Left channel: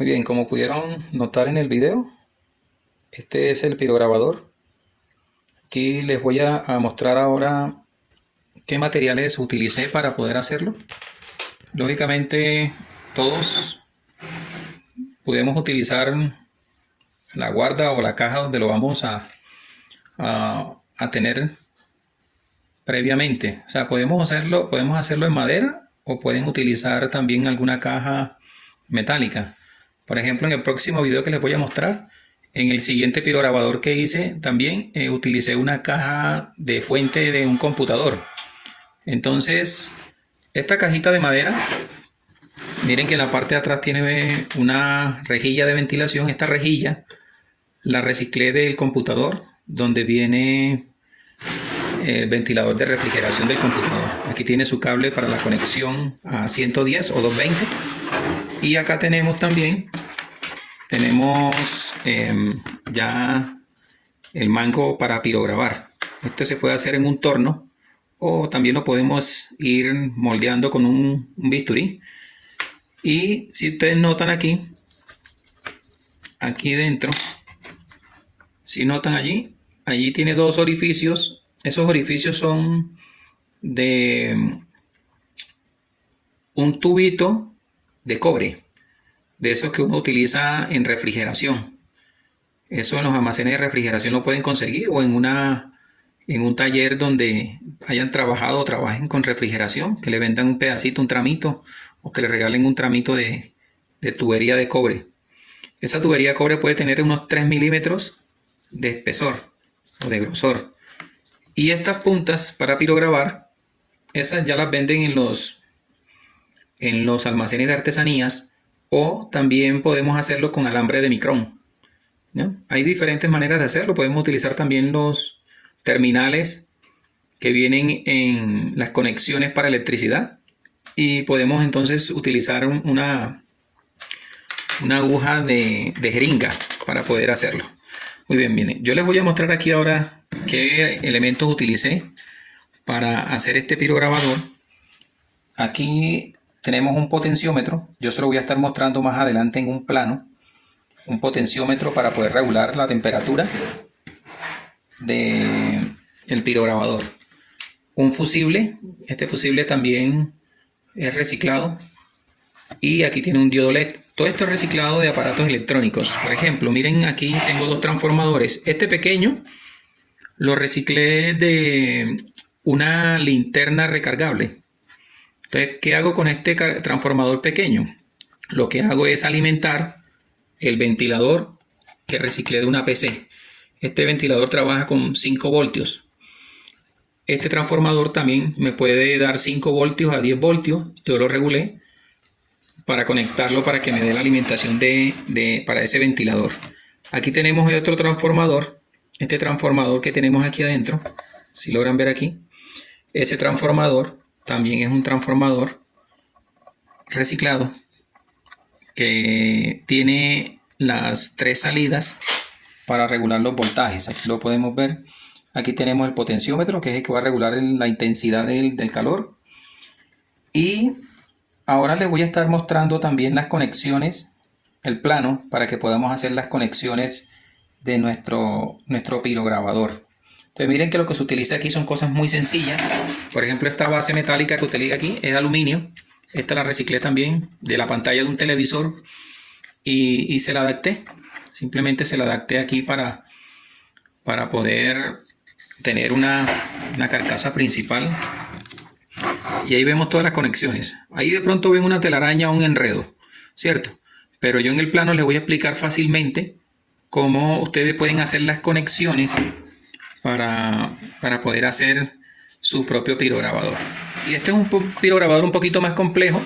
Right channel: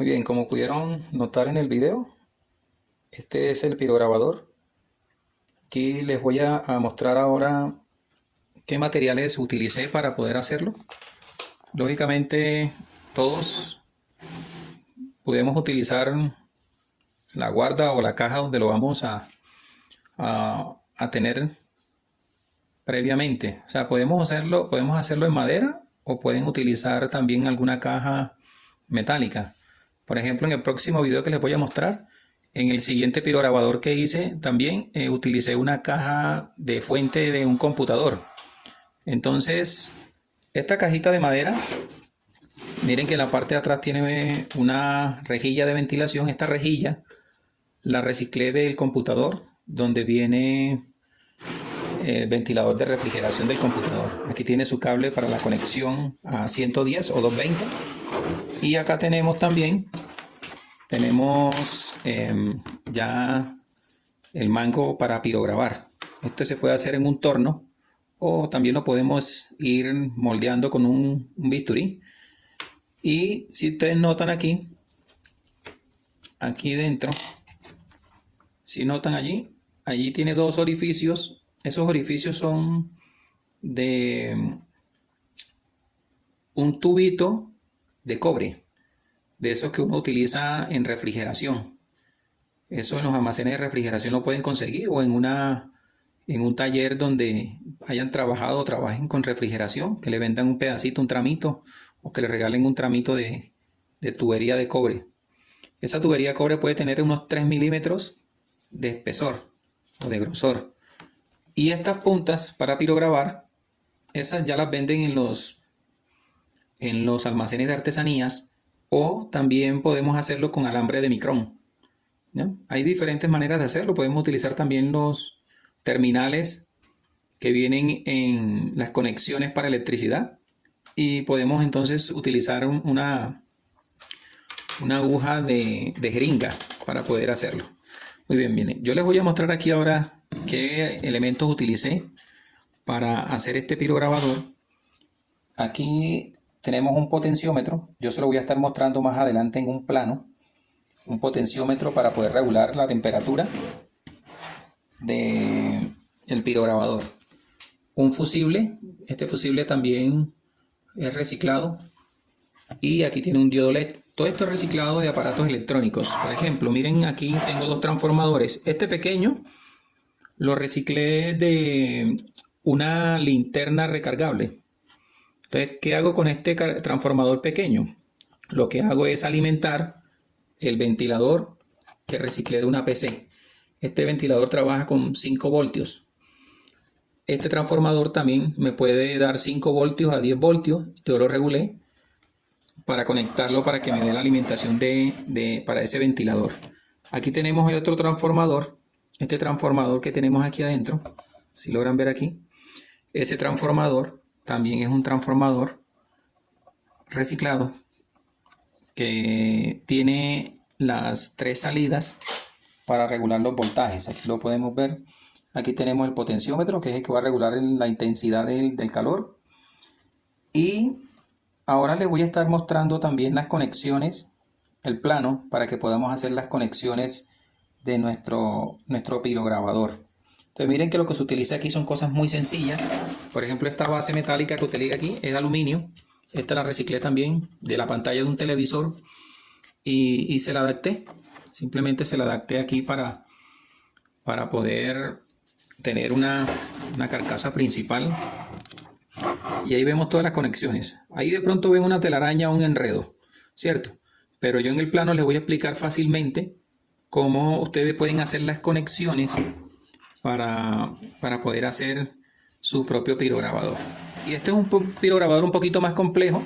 Muy bien, como pudieron notar en el video, este es el pirograbador. Aquí les voy a mostrar ahora qué materiales utilicé para poder hacerlo. Lógicamente, todos podemos utilizar la guarda o la caja donde lo vamos a tener previamente. O sea, podemos hacerlo en madera o pueden utilizar también alguna caja metálica. Por ejemplo, en el próximo video que les voy a mostrar, en el siguiente pirograbador que hice, también utilicé una caja de fuente de un computador. Entonces, esta cajita de madera, miren que en la parte de atrás tiene una rejilla de ventilación. Esta rejilla la reciclé del computador, donde viene el ventilador de refrigeración del computador. Aquí tiene su cable para la conexión a 110 o 220. Y acá tenemos también ya el mango para pirograbar. Esto se puede hacer en un torno o también lo podemos ir moldeando con un bisturí. Y si ustedes notan aquí dentro, si notan allí tiene dos orificios. Esos orificios son de un tubito de cobre, de esos que uno utiliza en refrigeración. Eso en los almacenes de refrigeración lo pueden conseguir o en un taller donde hayan trabajado o trabajen con refrigeración, que le vendan un pedacito, un tramito, o que le regalen un tramito de tubería de cobre. Esa tubería de cobre puede tener unos 3 milímetros de espesor o de grosor. Y estas puntas para pirograbar, esas ya las venden en los almacenes de artesanías, o también podemos hacerlo con alambre de micrón, ¿no? Hay diferentes maneras de hacerlo. Podemos utilizar también los terminales que vienen en las conexiones para electricidad y podemos entonces utilizar una aguja de jeringa para poder hacerlo. Muy bien, miren, yo les voy a mostrar aquí ahora qué elementos utilicé para hacer este pirograbador. Aquí tenemos un potenciómetro. Yo se lo voy a estar mostrando más adelante en un plano. Un potenciómetro para poder regular la temperatura del pirograbador. Un fusible. Este fusible también es reciclado. Y aquí tiene un diodo LED. Todo esto es reciclado de aparatos electrónicos. Por ejemplo, miren, aquí tengo dos transformadores. Este pequeño lo reciclé de una linterna recargable. Entonces, ¿qué hago con este transformador pequeño? Lo que hago es alimentar el ventilador que reciclé de una PC. Este ventilador trabaja con 5 voltios. Este transformador también me puede dar 5 voltios a 10 voltios. Yo lo regulé para conectarlo para que me dé la alimentación para ese ventilador. Aquí tenemos el otro transformador. Este transformador que tenemos aquí adentro, si logran ver aquí, ese transformador también es un transformador reciclado que tiene las 3 salidas para regular los voltajes. Aquí lo podemos ver. Aquí tenemos el potenciómetro, que es el que va a regular la intensidad del calor. Y ahora les voy a estar mostrando también las conexiones, el plano, para que podamos hacer las conexiones de nuestro pirograbador. Entonces miren que lo que se utiliza aquí son cosas muy sencillas. Por ejemplo, esta base metálica que utiliza aquí es aluminio. Esta la reciclé también de la pantalla de un televisor y se la adapté. Simplemente se la adapté aquí para poder tener una carcasa principal. Y ahí vemos todas las conexiones. Ahí de pronto ven una telaraña o un enredo, ¿cierto? Pero yo en el plano les voy a explicar fácilmente cómo ustedes pueden hacer las conexiones para poder hacer su propio pirograbador. Y este es un pirograbador un poquito más complejo,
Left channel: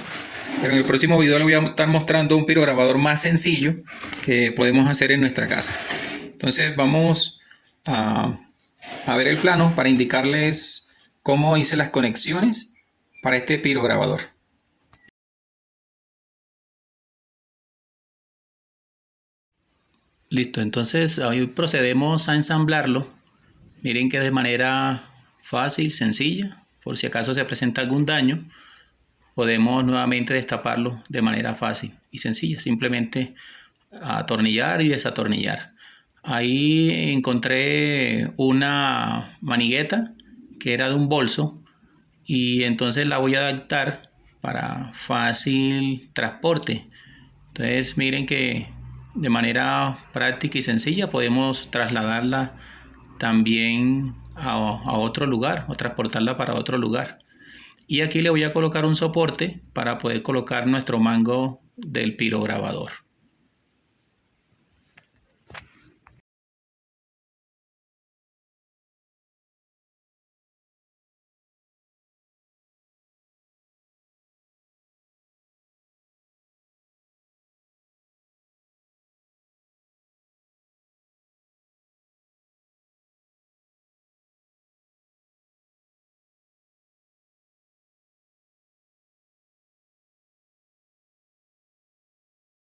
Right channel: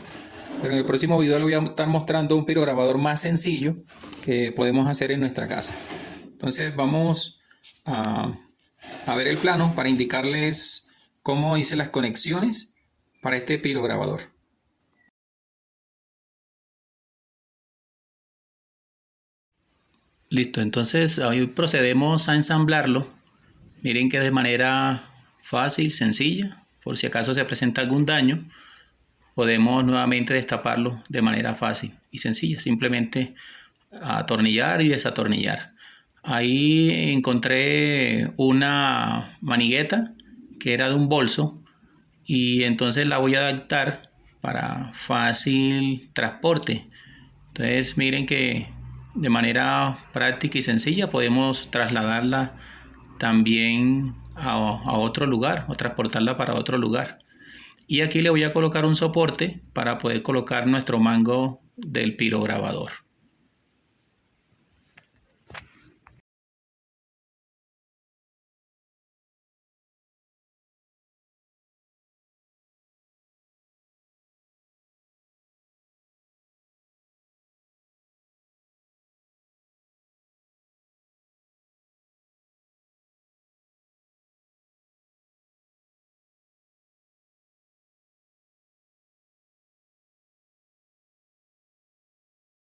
pero en el próximo video les voy a estar mostrando un pirograbador más sencillo que podemos hacer en nuestra casa. Entonces vamos a ver el plano para indicarles cómo hice las conexiones para este pirograbador. Listo, entonces hoy procedemos a ensamblarlo. Miren que de manera fácil, sencilla, por si acaso se presenta algún daño, podemos nuevamente destaparlo de manera fácil y sencilla. Simplemente atornillar y desatornillar. Ahí encontré una manigueta que era de un bolso y entonces la voy a adaptar para fácil transporte. Entonces miren que de manera práctica y sencilla podemos trasladarla también a otro lugar o transportarla para otro lugar. Y aquí le voy a colocar un soporte para poder colocar nuestro mango del pirograbador.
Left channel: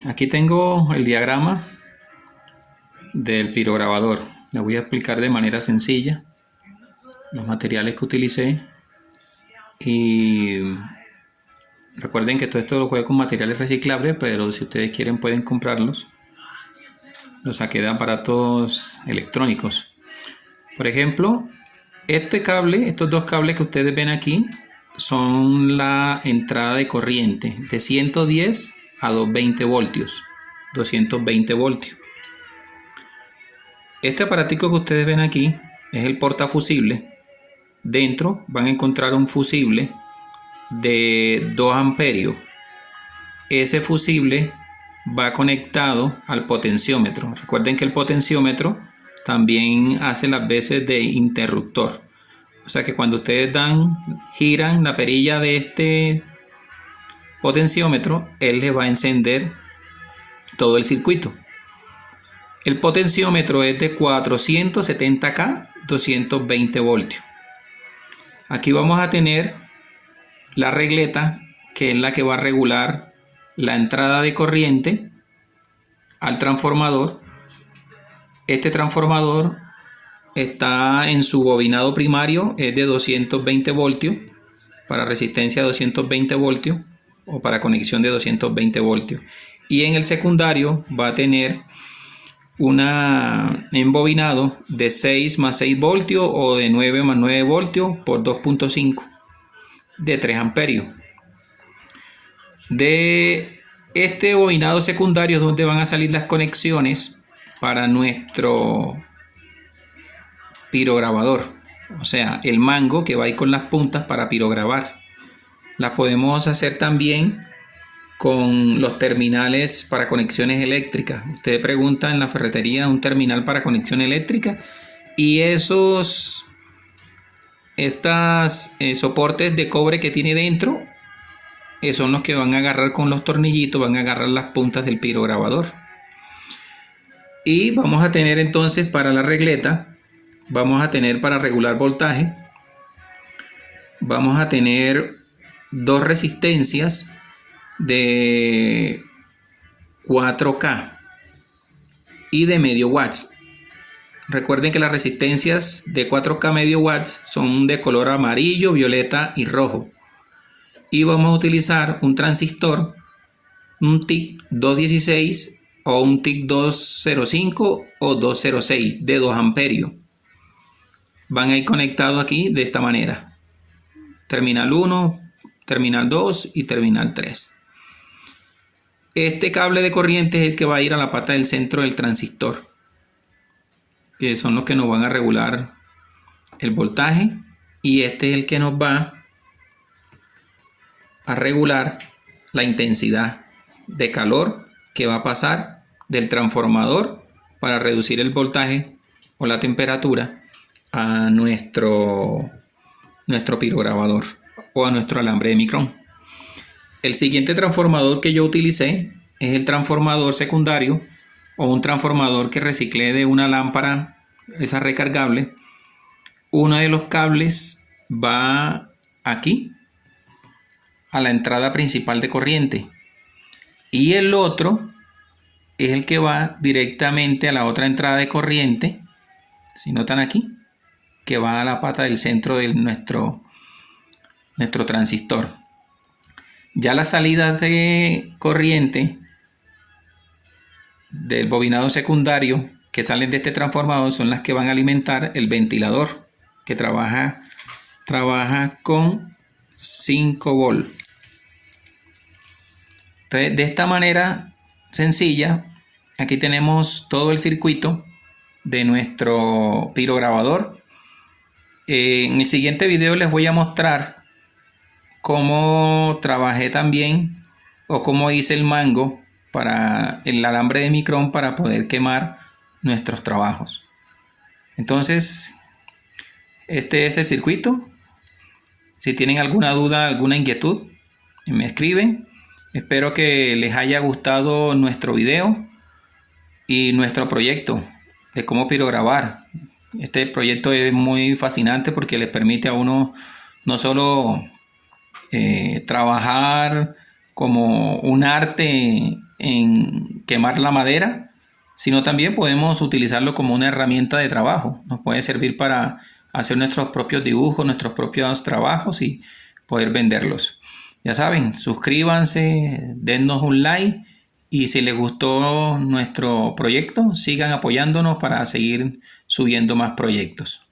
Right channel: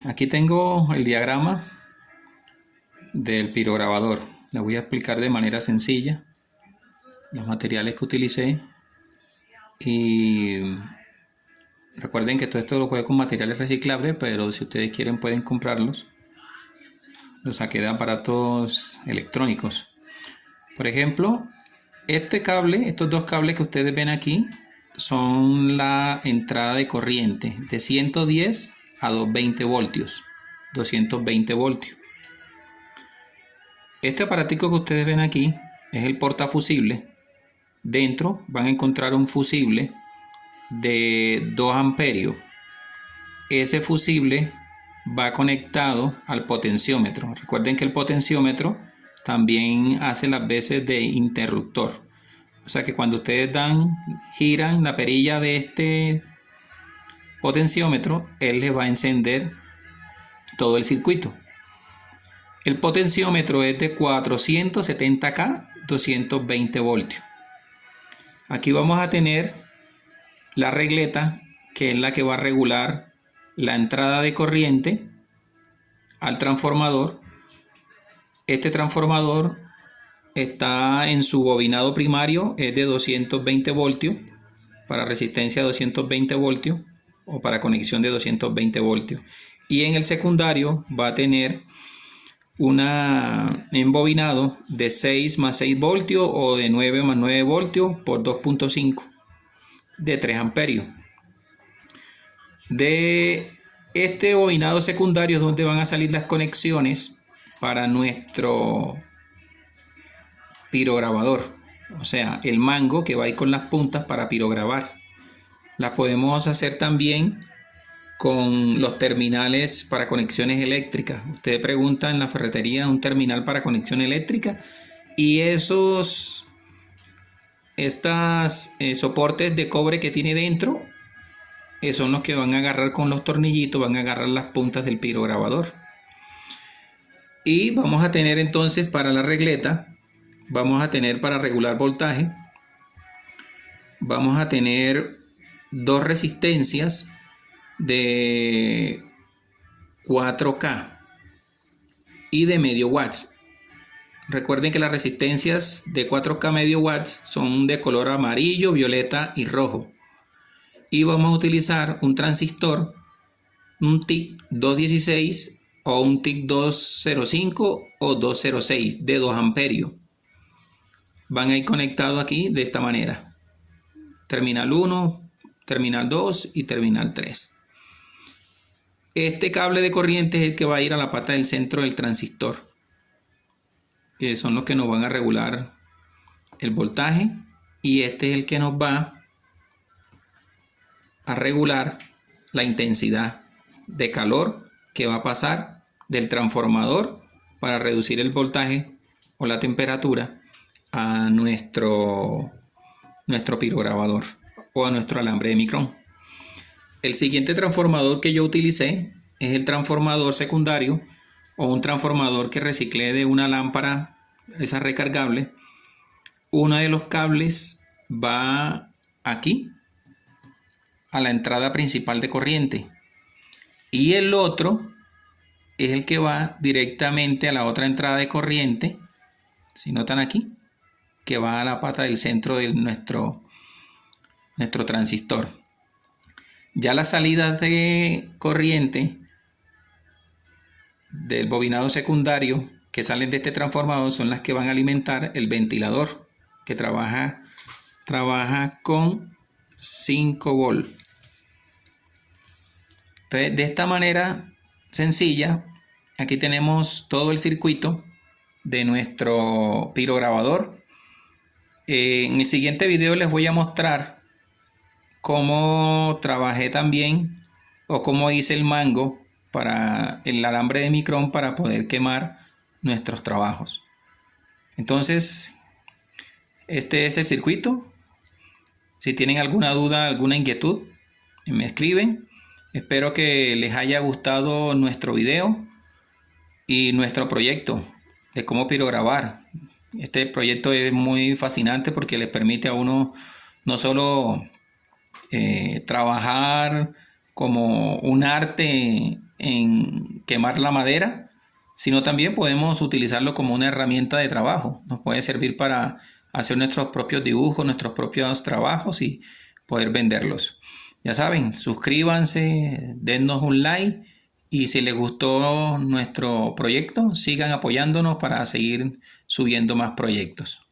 Aquí tengo el diagrama del pirograbador. Le voy a explicar de manera sencilla los materiales que utilicé y recuerden que todo esto lo jugué con materiales reciclables, pero si ustedes quieren pueden comprarlos. Los saqué de aparatos electrónicos. Por ejemplo, estos dos cables que ustedes ven aquí son la entrada de corriente de 110 a 220 voltios. 220 voltios. Este aparatico que ustedes ven aquí es el portafusible. Dentro van a encontrar un fusible de 2 amperios. Ese fusible va conectado al potenciómetro. Recuerden que el potenciómetro también hace las veces de interruptor. O sea que cuando ustedes giran la perilla de este potenciómetro, él les va a encender todo el circuito. El potenciómetro es de 470K, 220 voltios. Aquí vamos a tener la regleta, que es la que va a regular la entrada de corriente al transformador. Este transformador está en su bobinado primario, es de 220 voltios, para resistencia de 220 voltios o para conexión de 220 voltios. Y en el secundario va a tener una embobinado de 6 más 6 voltios o de 9 más 9 voltios por 2.5 de 3 amperios. De este bobinado secundario es donde van a salir las conexiones para nuestro pirograbador, o sea, el mango que va ahí con las puntas para pirograbar. Las podemos hacer también con los terminales para conexiones eléctricas. Usted pregunta en la ferretería un terminal para conexión eléctrica y estos soportes de cobre que tiene dentro son los que van a agarrar con los tornillitos, van a agarrar las puntas del pirograbador. Y vamos a tener entonces para la regleta, vamos a tener para regular voltaje, vamos a tener dos resistencias de 4K y de medio watts. Recuerden que las resistencias de 4K medio watts son de color amarillo, violeta y rojo. Y vamos a utilizar un transistor, un TIC 216 o un TIC 205 o 206 de 2 amperios. Van a ir conectados aquí de esta manera. Terminal 1, terminal 2 y terminal 3. Este cable de corriente es el que va a ir a la pata del centro del transistor, que son los que nos van a regular el voltaje, y este es el que nos va a regular la intensidad de calor que va a pasar del transformador para reducir el voltaje o la temperatura a nuestro pirograbador o a nuestro alambre de micrón. El siguiente transformador que yo utilicé es el transformador secundario o un transformador que reciclé de una lámpara, esa recargable. Uno de los cables va aquí a la entrada principal de corriente y el otro es el que va directamente a la otra entrada de corriente, si notan aquí, que va a la pata del centro de nuestro transistor. Ya las salidas de corriente del bobinado secundario que salen de este transformador son las que van a alimentar el ventilador, que trabaja con 5 volts. Entonces, de esta manera sencilla, aquí tenemos todo el circuito de nuestro pirograbador. En el siguiente video les voy a mostrar cómo trabajé también, o cómo hice el mango para el alambre de micrón para poder quemar nuestros trabajos. Entonces, este es el circuito. Si tienen alguna duda, alguna inquietud, me escriben. Espero que les haya gustado nuestro video y nuestro proyecto de cómo pirograbar. Este proyecto es muy fascinante porque les permite a uno no solo trabajar como un arte en quemar la madera, sino también podemos utilizarlo como una herramienta de trabajo. Nos puede servir para hacer nuestros propios dibujos, nuestros propios trabajos y poder venderlos. Ya saben, suscríbanse, dennos un like y si les gustó nuestro proyecto, sigan apoyándonos para seguir subiendo más proyectos.